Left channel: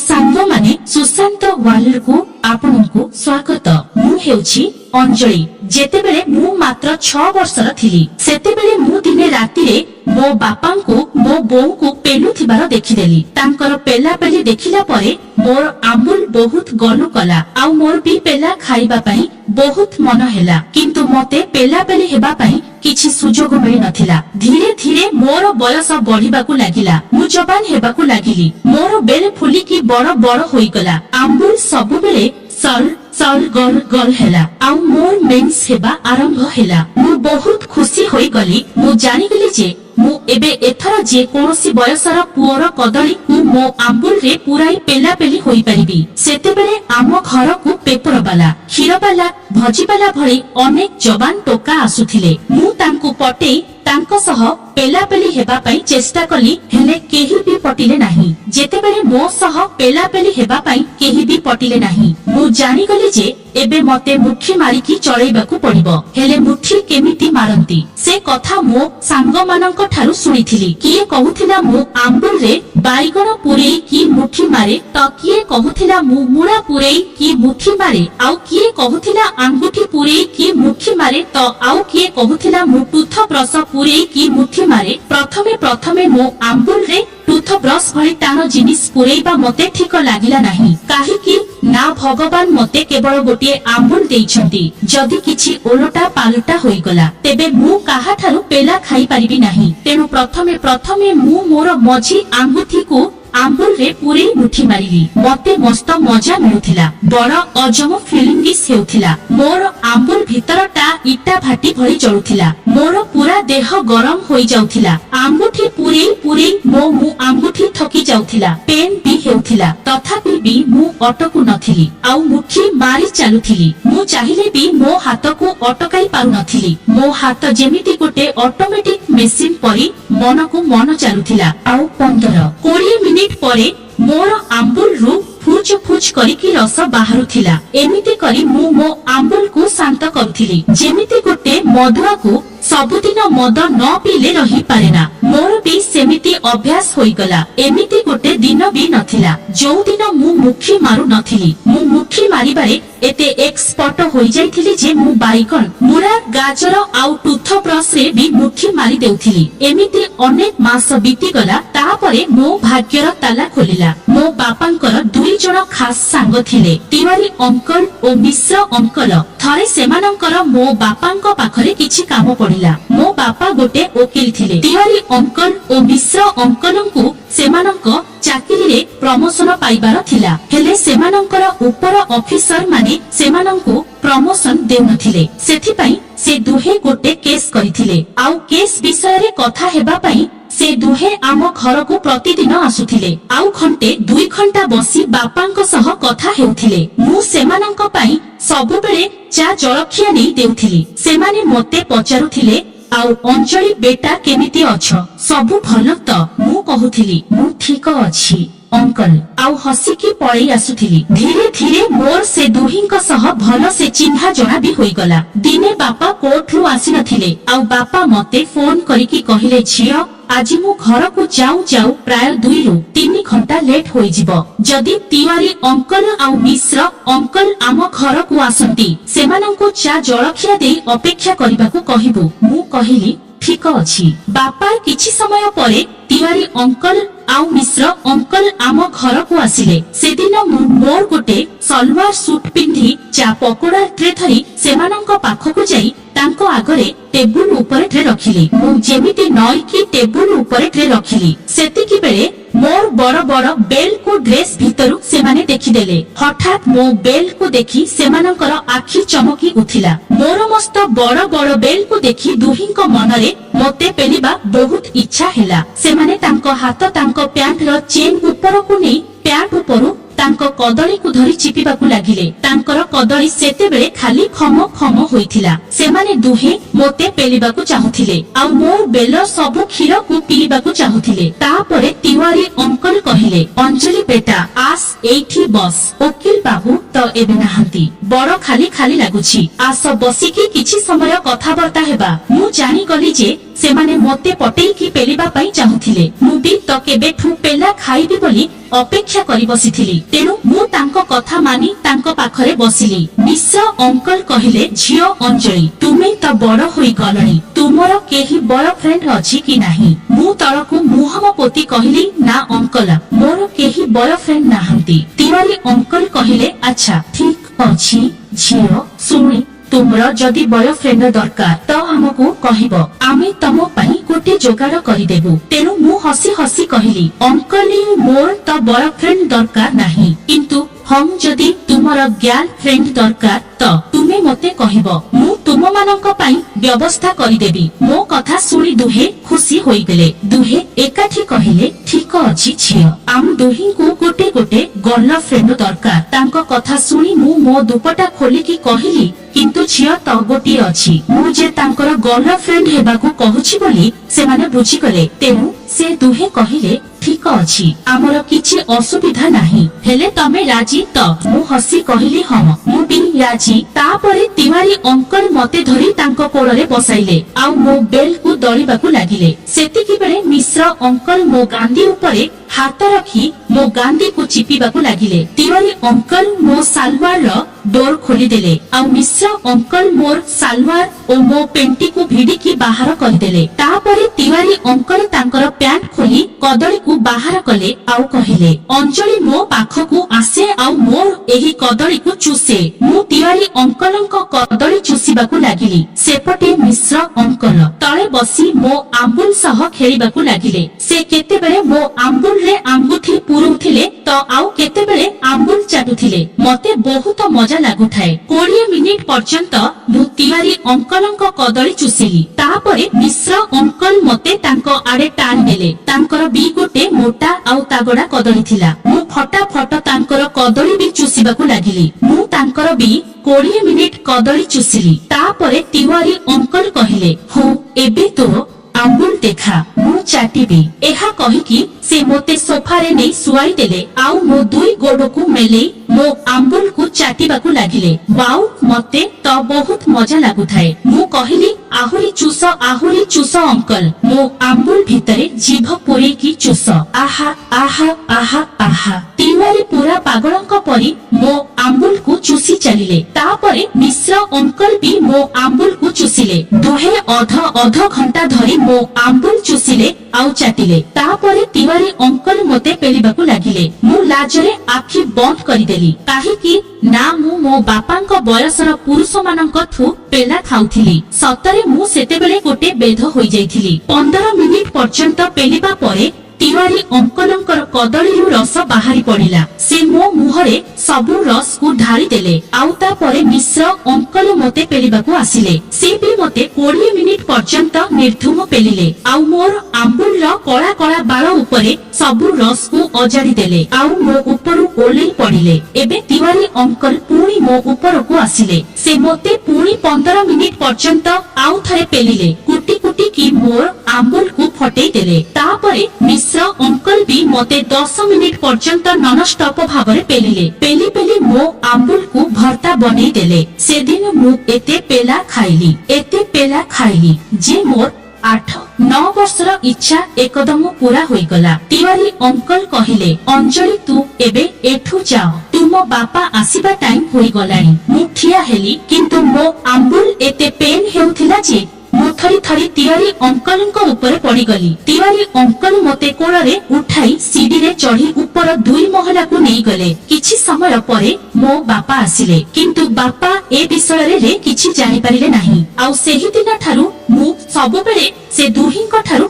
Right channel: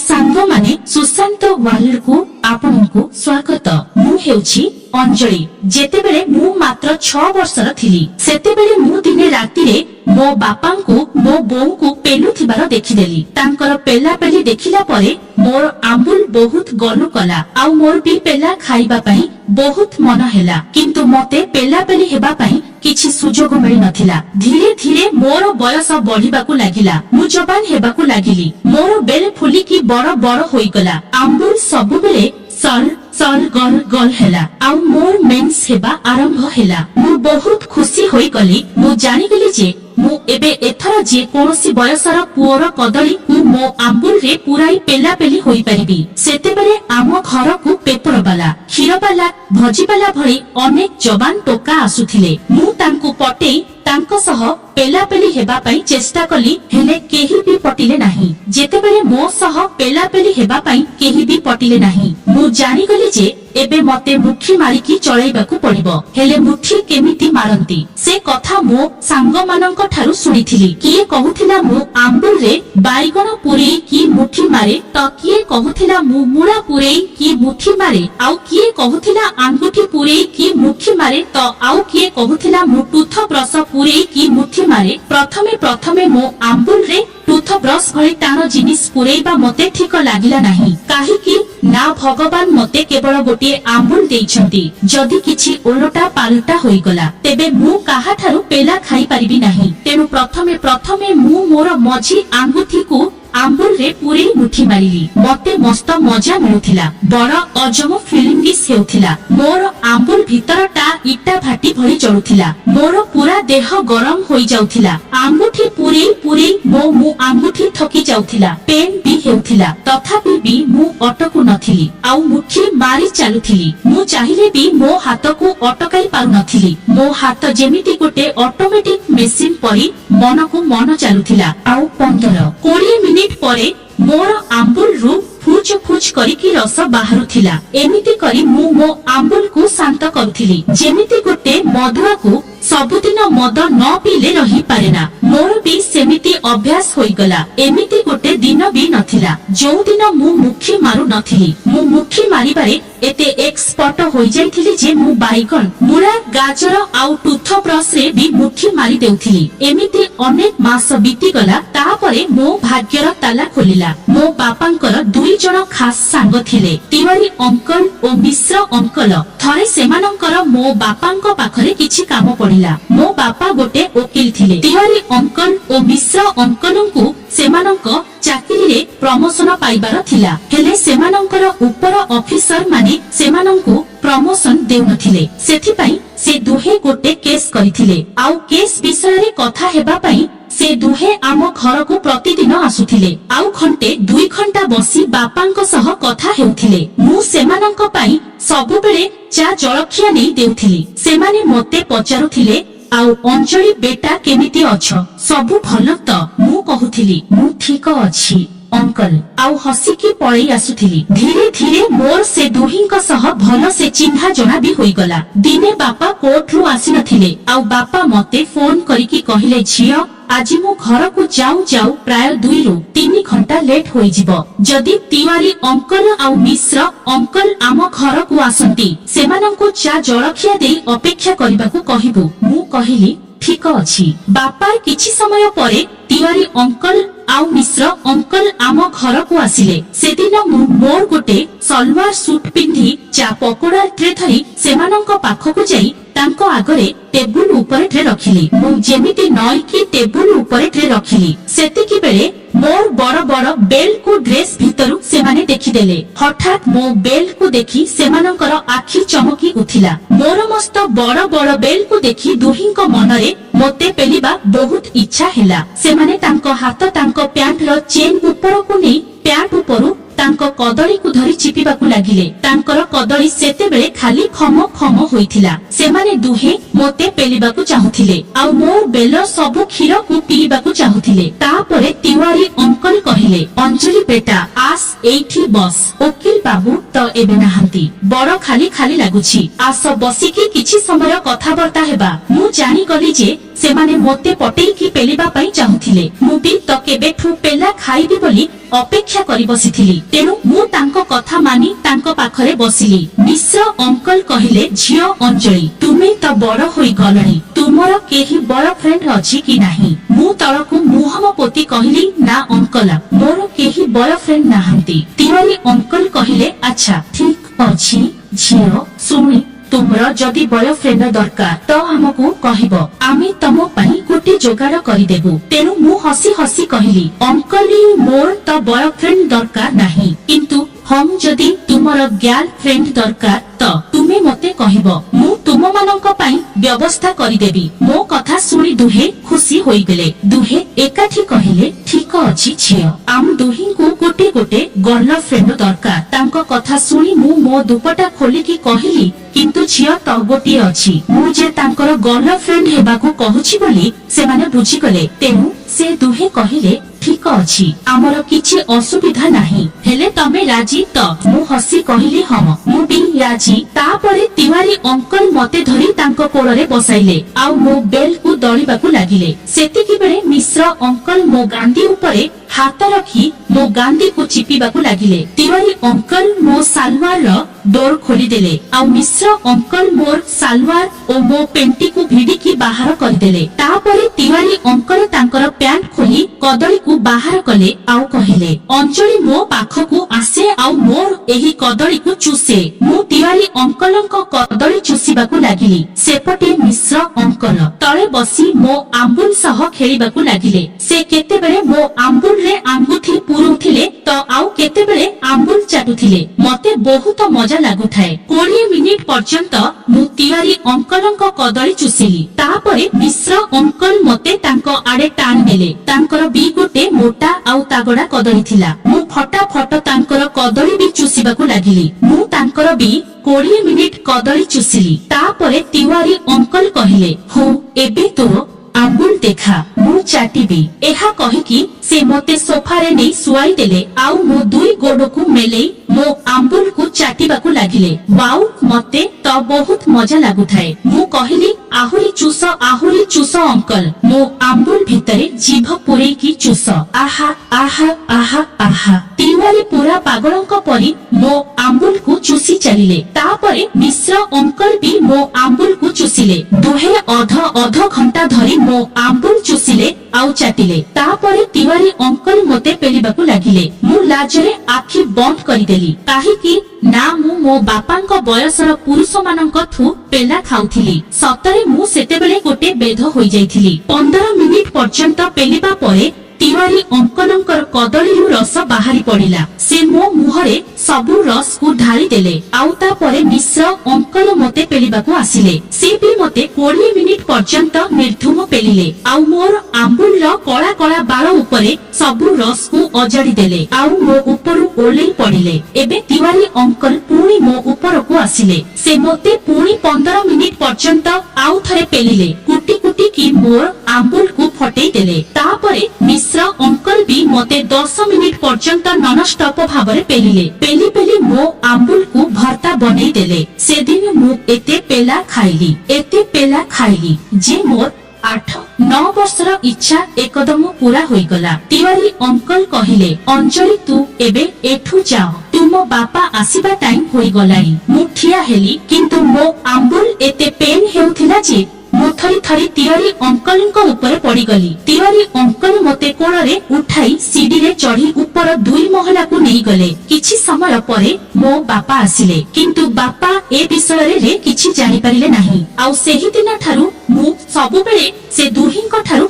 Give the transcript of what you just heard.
सांग माने सुशांत वर्ल्ड को आपनको स्वागत। मु हेउछि अंजलि। जेतेबेले मु मात्र 6 वर्षर थिली सेतेबेले मु दिने रातिरे मो बापा को मो बोऊ को पेलुथिबार देखिदेली। तांकर पेला पेली देखिला परे मोर आंबुल बहुत गलु कला आउ मोर भी पेला खाइबा पई बहुत मन हेला, किंतु मते पेला पेली हेबा पई किछि सुजोग मिली नथिला। धीरे धीरे मोर बयस बढ़िबाकू लागिला, मु जवान हेबाकू लागिली। मोर बेल फुली की बड़ बड़ होई गला। आंबुल सबु बेले सल सल गल गल हेला आउ मोर मेंस हेबा आरंभ हेला। मु बहुत खुशी होई गली। मु जानि गेली जे मु एबे एथरा जे कोनोसी बयसर पुअर कदली को मो आंबुल रे पुराई पेला पेली होई परिबी। सेतेबेले आम घर को पेपर वाला, क्षीर वाला, भजी वाला भली अनेक जवान टोका आसुथिले। मु तांकु पटेई तांको सह पेला पेली हेबा पई चेष्टा कली, हेले केही भी पटिले नाही। जेतेबेले मो सह पेला पेली हेबा पई केही भी पटिले नाही, मु जानि गली जे एबे मते मुठी मारिकी चळैबाकू पड़िबो। हेले मुठी केमिति मारंती से कथा मो सांग मानक ठारू सुनिथिली। किए कहूथिला मु आंबुल रे बाइगण पुरेई की मुठी मारे, त किए कहूथिला मु मुळा पुरेई की मुठी मारे, आउ किए कहूथिला आंगुठी पुरेई की मुठी मारे, त आउ किए कहूथिला मु टूथ ब्रश पुरेई की मुठी मारे। प्रथमे प्रथमे मो आंबुल रे टूथ ब्रश भली टाण जिनिस पुरेइबा मते ठीक लागिला नाही। काहेकि ना भगवान मते केवल गोटे आंबुल देइछंती। जदि किछि ओलटा पालटा होई गला तेबे मु काहा ठारू पेला खाई परिबि नाही। तेनु प्रथमे प्रथमे मु मोर मझी आंगुठी को आंबुल रे पूरी मुठी मारिली। मते मस्त मजा मिलुथिला, बड़ अजम फीलिंगिस हेउथिला। मोर आंबुल भीतरटा इटा भाटी भली जळुथिला। मोर पूरा देह गरम होई जाउथिला। आंगुठी पूरी पूरी मु आंगुठी थकी जाउथिला। पेन भी हेउथिला, तथापि भी मु अटकु नथिली आउ मुठी मारी चालुथिली। मु चाहिले भी मो हाथ को अटकाई पारु नथिली। मो हाथ जेमिति गोटे ऑटोमेटिक मेसिन परी मन को मन चालुथिला। आउ 15-20 मिनिट परे मोर आंबुल रु फुच फुच करिकी रस बाहरुथिला। एमिति करी मु मो आंबुल को शांत करुथिली। जेमिति गोटे मधुआ को सबुदिन मद न पीले रही पारेना, मोर भी सेमिति अभ्यास होई गला। एमिति गोटे दिन भी नथिला जो दिन मु मुठी मारु नथिली। मु मुठी मारिबारे एते एक्सपर्ट होई जाइथिली जे मु बाइगण, मुळा, गाजर आउ टूथ ब्रश रे भी मुठी मारी देउथिली। एमिति अनेक मास बीती गला। तापरे मो भाग्यर ताला खोलिला। मो बापांकर 2 जण खास सांग थिले, तिवारी अंकल ओ मिश्र अंकल। थरे सेमानंकर मो बापांक पाखरे किछि काम पड़िला। मो बापा गोटे वकील थिले। तिवारी अंकल ओ मिश्र अंकलंकु सेमानंक चाकरी रे प्रमोशन पाइबार थिला, हेले सेमानंकर ऊपर ऑफिसर माने सेमानंकु प्रमोशन देउ नथिले। सेथि पई से दुहे गोटे केस करिथिले। आउ केस विषय रे कथा हेबा पई से दुहे आम घर को प्रतिदिन आसुथिले। आउ घंटे 2 घंटा बसी बापांक सह कथा हेउथिले। मु सेमानंक पई सबु बेले चा जलखिया नै देउथिली। सेमाने मते पचारुथिले, आउ अंजलि बेटा केमिति अछ, सबु भल त? मु कहूथिली मु ठीक अछि अंकल, आउ हसिकी पळै आसुथिली। धीरे धीरे मोर से दुहिंक सह भल से चिन्हा जणा भी होई गला। दिने बापा कोर्ट रु आसी नथिले, आउ बापा मते फोन करिकी कहिले, झियो आज मु घर को जाऊ जाऊ प्राय 2 रु 3 घंटा लेट होई जिवो। जदि तिवारी अंकल आउ मिश्र अंकल आम घर को आसंती, सेमानंको चा जलखिया देई अपेक्षा करिबाकू कहिबु। मु कहिली ठीक अछि। बापा किछि समय परे तिवारी अंकल आउ मिश्र अंकल आम घर को आसिले। सेदिन मोर गोटे सलवार सूट पिंधी चा पकोड़ा ट्रे धरी सेमानंक पाखकू जाई तांको आगरे टेबुल ऊपर ट्रे रखिली। मु जेमिति नई की टेबुल ऊपर ट्रे रखिली, सेतिकी बेले मोर बड़ बड़ बेल को ड्रेस भितरु सेमाने देखिदेले। हठात मो बेल को देखि सेमानंकर आखि चमकी उथिला। मोर मस्त बड़ बड़ बेल को देखि दुहिंक मनरे मते पेलिबा बहुत इच्छा हेला। सेमाने तांको हाथ तांको प्यांट रो चेन ऊपर को नै प्यांट ऊपरु तांको कदली को धरी चिपिबाकू लागिले। तांकर कदली सेते बेले खाली खम खम होइथिला। सेमाने दुहे मोते पेलिबाकू चाहुथिले, आउ मोर बेल सबु क्षीर को पीबाकू चाहुथिले। तापरे तिवारी अंकल कहिले, अंजलि बेटा आस एठी बस। वकील बाबू तो एबे नाहंती, बड़ खाली खाली लागुछि, आस बसिकी किछि समय कथाबार्ता हेबा। मु जानि गली जे सेमाने मोते पटेईकी पेलिबा पई चाहुथिले। मु भी तो केबेठु पेला खाइबी बोली अपेक्षा करी बसिथिली। तेणु मु तांको कथा मानी तांको पाखरे बसिली। मिश्र अंकल कहिले, झियो अंजलि तुमे तो बड़ होई गलणी, तुमर केही बॉयफ्रेंड अछि कि नाही? मु तळकु मुहम पोती कहिली, ना अंकल मोर केही बॉयफ्रेंड नाहंती। तिवारी अंकल कहिले, अच्छा ठीक अछि झियो, सुनी तुमर जदि बॉयफ्रेंड दरकार तो हमकु कहिबो, आमे तमो पई गोटे जोगाड़ करिदेबु। तेणु मु हसी हसी कहिली, अंकल मोर तो बॉयफ्रेंड दरकार नाही, किंतु हम जदि तुमर गर्लफ्रेंड दरकार तो तुमे मते कहिबो, मु तुम मानक पई व्यवस्था करिदेबी। मो कथा सुनी दुहे खुशी होई गेले। दुहे एकाठी कहिले, ठीक अछि झियो, आम दुही को गोटे गोटे गर्लफ्रेंड दरकार। तांको कथा सुनी मु मो दुपटा खोलिकी कहिली, किंतु झियो तो गोटे अछि, मु जे तांकर गर्लफ्रेंड हेबाकू कहूछि बोली सेमाने बुझिगले। तेणु से दुहे कहिले, ठीक अछि, आमर किछि असुविधा नाही, हेले तमे राजी तो? मु हसी कहिली, हम मु भी राजी। तापरे तिवारी अंकल मते धरी तांको कोड़रे बसाइले आउ मो बेल को दौड़ीबाकू लागिले। सेतिकी बेले मिश्र अंकल मो गांधी उपरे हाथ रखी मो गांधी को चिपिबाकू लागिले। तिवारी अंकल मो सालवार रो डोर खोली देले आउ मिश्र अंकल मोर सालवार ओ मो पेंटी को भिडिकी बाहर करदेले। तापरे तिवारी अंकल तांकर पैंट खोली कदली को बाहर कले आउ कहिले, अंजलि मो पाखकू आसे आउ मोर एही कदली को चूसे। मु तिवारी अंकलଙ୍କ कदली चूसीबाकू लागिली। सेपटे मिश्र अंकल तळे बसी मो आंबुल सह खेलिबाकू लागिले। से केतेबेले मो आंबुल रे आंगुठी पुरुथिले तो आउ केतेबेले आंबुल चाटुथिले। मते बहुत मजा लागुथाए। 20 मिनिट पर्यंत मु तिवारी अंकलଙ୍କ कदली चूसिली। तापरे मिश्र अंकल मते तांको आडे टाण नेले। तांकर बी गोटे मोटा आउ तागड़ा कदली थिला। मु फटाफट तांकर कदली भी चूसीबाकू लागिली। मु तांकर भी 20 मिनिट कदली चूसिली। तापरे तिवारी अंकल कहिले, हो एबे तो आंबुल देखा, मु चाटिबी। एहा कहिकी से मोते सोफारे नै सुआई देले आउ मो दुई गोडकू मेले मो आंबुल को चाटिबाकू लागिले। वाउ, मते तो बहुत मजा लागुथाए। मु कहिली, आहुरी चूस अंकल। मो आंबुल भितरे जीभ पुरेई की चूस। आहा आहा आहा आहा। तिवारी पूरा पागलଙ୍କ परी मो आंबुल को चूसी चलिले। तापरे मिश्र अंकल भी मो आंबुल को चूसिले। दुहे अध घंटा धरी मो आंबुल चूसिले आउ चाटिले। तापरे तिवारी अंकल मते पेलिबाकू लागिले। मु लाजरे आखि बंद करिदेली। काहेकि ना मु मो बापाଙ୍କ बयसर पुरुष मानଙ୍କ ठू पेला खाउथिली। सतरे मु सेतेबेले गोटे बेध होई जाइथिली। 15 मिनिट पर्यंत पेलिबा परे तिवारी अंकलଙ୍କର कदलीरू रस बाहरी पड़िला। से मो मुहरे सबु रस को ढाली देले आउ तापरे मिश्र अंकल मते पेलिबाकू आसिले। से भी मते 20 मिनिट पर्यंत निर्धुम पेलिले आउ मोर आंबुल रो कला कला बाळ उपरे सबु रस को अजाड़ी देले आउ मो उपरु ओलेई पड़िले। एबे तिवारी अंकल पुणी मो उपरकू आसिले। से मते पुणी 15 मिनिट पर्यंत आउ थरे पेलिले। कुटी कुटी की मोर आंबुल को फटेई देले। तापरे मिश्र अंकल भी मते 10 मिनिट पर्यंत नॉन स्टॉप भाबरे पेलिले। पेली पेली मो आंबुल को भर्ता बनेई देले। से दिन मु एते पेला खाइली जे मोर 8-9 वर्षर इच्छा एकदम पूरा होई गला। तिवारी अंकल कहिले, अंजलि तू एबे एठू जाओ, तुम बापा आसीबा टाइम होई गलानी। मु ठिया हेली किंतु मो आंबुल एते पेन हेउथिला जे मु थरी थरी तिवारी अंकलଙ୍କ ऊपर पड़ी गली। तिवारी अंकल मते कोଳରେ उठाई सीढ़ी रे चढ़ी ऊपर 2 महला को नहीं गले। किछि समय परे मो बापा आसिले किंतु बापा ए विषय रे किछि जानि परिले नाही। आउ सेही दिन ठारू मु सबु बेले से दुहींक ठारू